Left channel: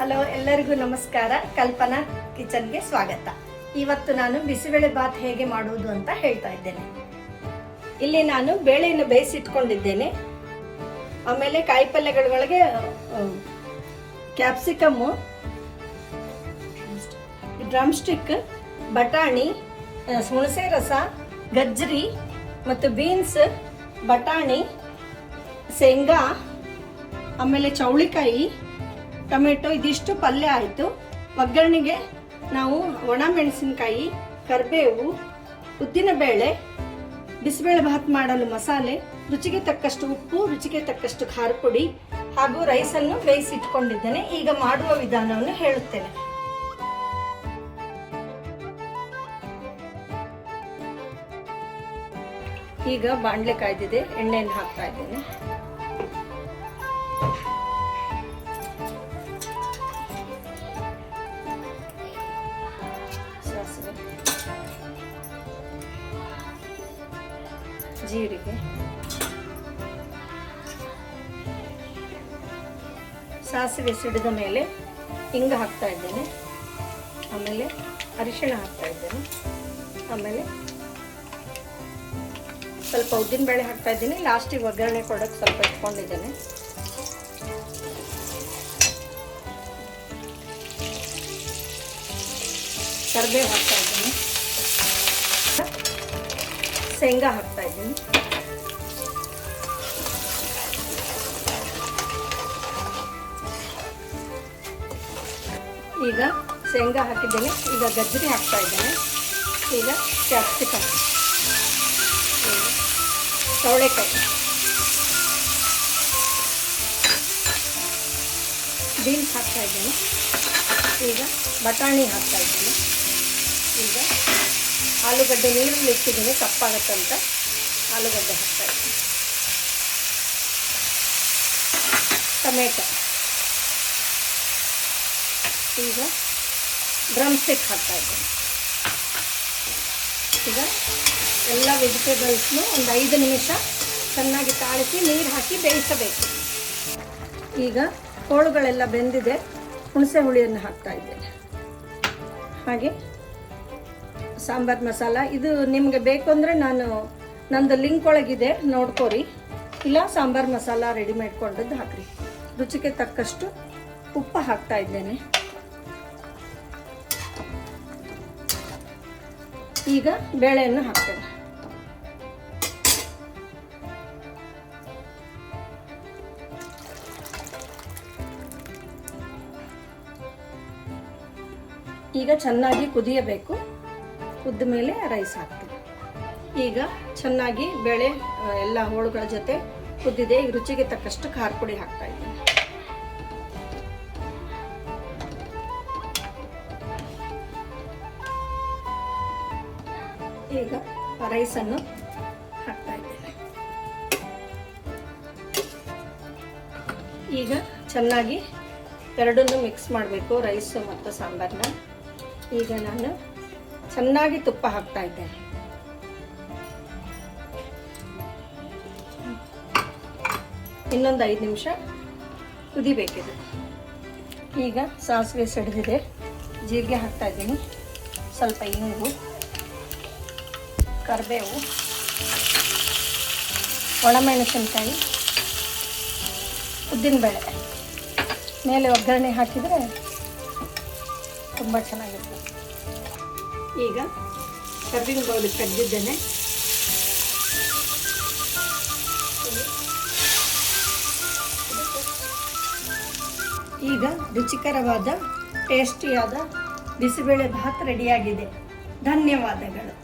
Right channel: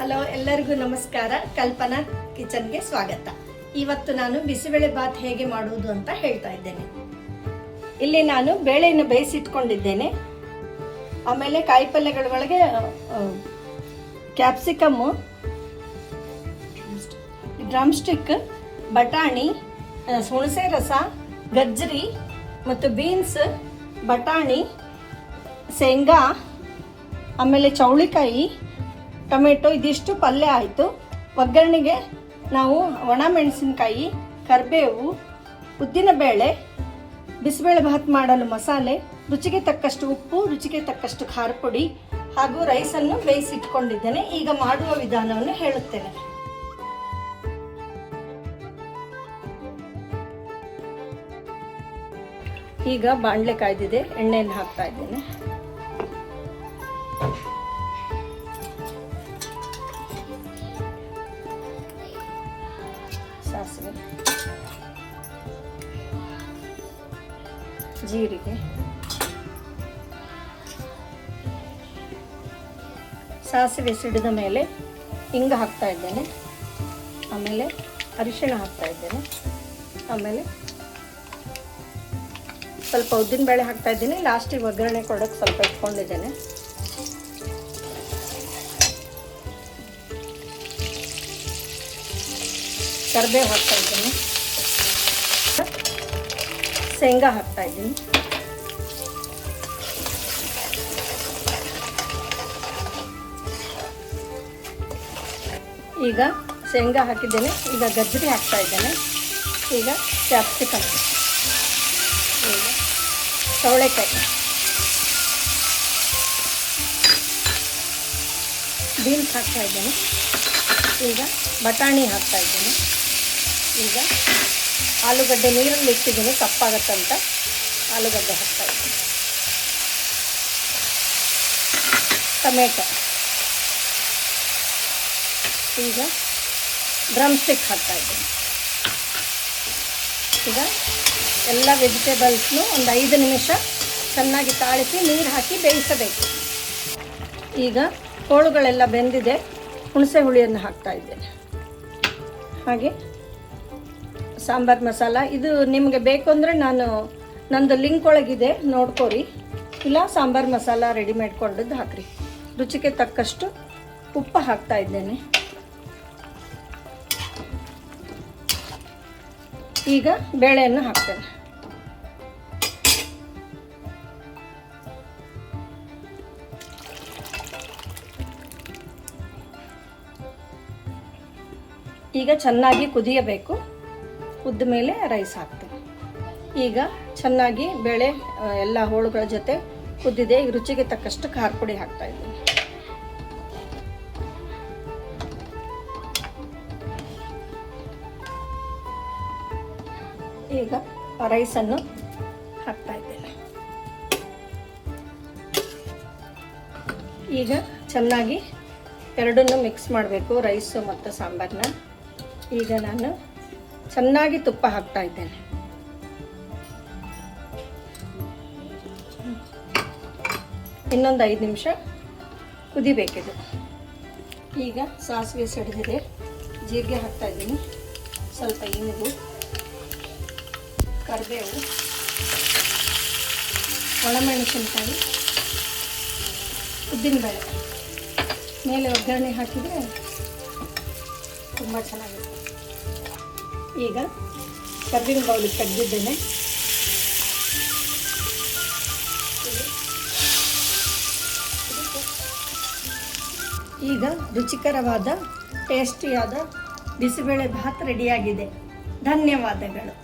Hello, ಎಲ್ಲರಿಗೂ ನಮಸ್ಕಾರ. ಕಲ್ಪನಾ ಕಿಚನ್ಗೆ ಸ್ವಾಗತ. ಇವತ್ತು ನಾನು ಬಿಸಿಬೇಳೆ ಬಾತ್ ಹೇಗೆ ಮಾಡುವುದು ಅಂತ ಹೇಳ್ತಾ ಇದ್ದೇನೆ. ಇಲ್ಲಿ ನಾನು ಬೇಳೆಯನ್ನು ಬೇಯಿಸಿಟ್ಕೊಂಡಿದ್ದೇನೆ. ಆಮೇಲೆ ಕಾಯಿಪಲ್ಯಗಳೊಳಗೆ ಕ್ಯಾಪ್ಸಿಕಮ್, ಡ್ರಮ್ ಸ್ಟಿಕ್, ಬಟಾಣಿ, ಹುಣಸೆ ರಸ, ಗಜ್ಜರಿ ಮತ್ತು ಬೀನ್ಸ್, ಬಟಾಣಿ, ಶೇಂಗಾ, ಆಮೇಲೆ ಚೌಳಿಕಾಯಿ, ಟೊಮೆಟೊ, ಇದಿಷ್ಟು ಪಲ್ಯ ಆಯಿತು. ಒಗ್ಗರಣೆಗೆ ನಾವು ಒಣ ಮೆಣಸಿನಕಾಯಿ, ಕರಿಬೇವು, ಉದ್ದಿನ ಬೇಳೆ, ಬಿಸಿಬೇಳೆ ಭಾತ್ ಮಾಡಲು ಮಸಾಲೆ, ರುಚಿಗೆ ತಕ್ಕಷ್ಟು ಉಪ್ಪು, ರುಚಿಗೆ ತಕ್ಕಷ್ಟು ಖಾರ ಪುಡಿ ಹಾಗೂ ರೈಸನ್ನು ಬೇಯಿಸಿಟ್ಕೊಂಡಿದ್ದೇನೆ. ಈಗ ಮಾಡುವ ವಿಧಾನವನ್ನು ಹೇಳುತ್ತೇನೆ. ಈಗ ಬಾಣಲೆ ಕಾಯ್ದಿದೆ, ಎಣ್ಣೆಯನ್ನು ಹಾಕ್ತಾ ಇದ್ದೇನೆ. ಸಾಸಿವೆ, ಜೀರಿಗೆ, ಸಾಸಿವೆ ಸಿಡಿದ ಮೇಲೆ ಹಿಂಗ ಹಾಕ್ತಾ ಇದ್ದೇನೆ. ಆಮೇಲೆ ಅರಿಶಿಣ ಹಾಕ್ತಾ ಇದ್ದೇನೆ. ಆಮೇಲೆ ಸ್ವಲ್ಪ ಉದ್ದಿನ ಬೇಳೆ ಹಾಕ್ತಾ ಇದ್ದೀನಿ. ಲಾಸ್ಟಿಗೆ ಒಗ್ಗರಣೆ ಕೊಡೋಕೆ ಸ್ವಲ್ಪ ಇಟ್ಕೊಂಡಿದ್ದೇನೆ. ಕರಿಬೇವು ಹಾಕ್ತಾ ಇದ್ದೀನಿ. ಶೇಂಗಾ ಹಾಕ್ತಾ ಇದ್ದೀನಿ. ಈಗ ಶೇಂಗಾ ಹಾಕಿದ್ದೇನೆ. ಈಗ ಗಜ್ಜರಿ ಹಾಕ್ತಾ ಇದ್ದೇನೆ. ಈಗ ಕ್ಯಾಪ್ಸಿಕಮ್, ಚೌಳೆಕಾಯಿ, ಬೀನ್ಸ್ ಹಾಕ್ತಾ ಇದ್ದೀನಿ. ಈಗ ಬಟಾಣಿ ಹಾಕ್ತಾ ಇದ್ದೀನಿ. ಈಗ ಆಲೂಗಡ್ಡೆ ನೀರಲ್ಲಿ ಇಟ್ಟಿದ್ದೀನಿ, ಕಪ್ಪಾಗತ್ತಂತ ಆಲೂಗಡ್ಡೆ ಹಾಕ್ತಾ ಇದ್ದೀನಿ. ಟೊಮೆಟೊ, ಈಗ ಡ್ರಮ್ ಸ್ಟಿಕ್ ಹಾಕ್ತಾ ಇದ್ದೀನಿ. ಈಗ ಎಲ್ಲ ವೆಜಿಟೇಬಲ್ಸ್ನು ಒಂದು 5 ನಿಮಿಷ ಚೆನ್ನಾಗಿ ತಾಳಿಸಿ ನೀರು ಹಾಕಿ ಬೇಯಿಸಬೇಕು. ಈಗ ಕೋಳುಗಳೆಲ್ಲ ಬೆಂದಿದೆ. ಹುಣಸೆ ಹುಳಿಯನ್ನು ಹಾಕ್ತಾ ಇದ್ದೇನೆ. ಹಾಗೆ ಸಾಂಬಾರ್ ಮಸಾಲ, ಇದು ನಿಮಗೆ ಬೇಕು ಅಂದರೆ ನಂದು ಲಿಂಕ್ ಒಳಗಿದೆ, ನೋಡ್ಕೊರಿ. ಇಲ್ಲ ಸಾಂಬಾರ್ ಮಸಾಲ ರೆಡಿ ಮಾಡ್ಕೊಂಡದ್ದು ಹಾಕ್ರಿ. ರುಚಿಗೆ ತಕ್ಕಷ್ಟು ಉಪ್ಪು ಹಾಕ್ತಾ ಇದ್ದೇನೆ. ಈಗ ಬೇಳೆಯನ್ನು ಹಾಕ್ತೇನೆ. ಈಗ ಚೆನ್ನಾಗಿ ಕುದಿಯಬೇಕು. ಕುದ್ದ ಮೇಲೆ ರೈಸ್ ಹಾಕ್ತೇನೆ. ಈಗ ಚೆನ್ನಾಗಿ ಬೇಳೆ ಎಲ್ಲ ಹೋಳುಗಳ ಜೊತೆ ಕುದ್ದಿದೆ. ಈಗ ರುಚಿಗೆ ತಕ್ಕಷ್ಟು ಖಾರ ಪುಡಿ ಹಾಕ್ತಾ ಇದ್ದೀನಿ. ಈಗ ರೈಸನ್ನು ಹಾಕ್ತಾ ಇದ್ದೇನೆ. ಈಗ ಚೆನ್ನಾಗಿ ಎರಡನ್ನೂ ಮಿಕ್ಸ್ ಮಾಡಬೇಕು, ರೈಸು ಮತ್ತು ಸಾಂಬಾರನ್ನ. ಈಗ ನಾನು ಚೆನ್ನಾಗಿ ತುಪ್ಪ ಹಾಕ್ತಾ ಇದ್ದೇನೆ. ಇನ್ನೊಂದು 5 ನಿಮಿಷ ಕುದಿಬೇಕಿದೆ. ಈಗ ಸಾಸಿವೆ ಸಿಡಿದಿದೆ, ಜೀರಿಗೆ ಹಾಕ್ತಾ ಇದ್ದೀನಿ. ಸ್ವಲ್ಪ ಇಂಗು, ಕರಿಬೇವು, ಒಣಮೆಣಸಿನಕಾಯಿ, ಉದ್ದಿನಬೇಳೆ ಮೇಲೆ ಒಗ್ಗರಣೆ ಹಾಕಿದರೆ ತುಂಬ ಚೆನ್ನಾಗಿರುತ್ತೆ. ಈಗ ಕಬ್ಬಿನ ಬೌಲಿಗೆ ತೆಗೆದಿದ್ದೇನೆ. ಈಗ ರುಚಿಕರವಾದ ಟೇಸ್ಟಿಯಾದ ಬಿಸಿಬೇಳೆ ಭಾತ್ ರೆಡಿಯಾಗಿದೆ. ಧನ್ಯವಾದಗಳು.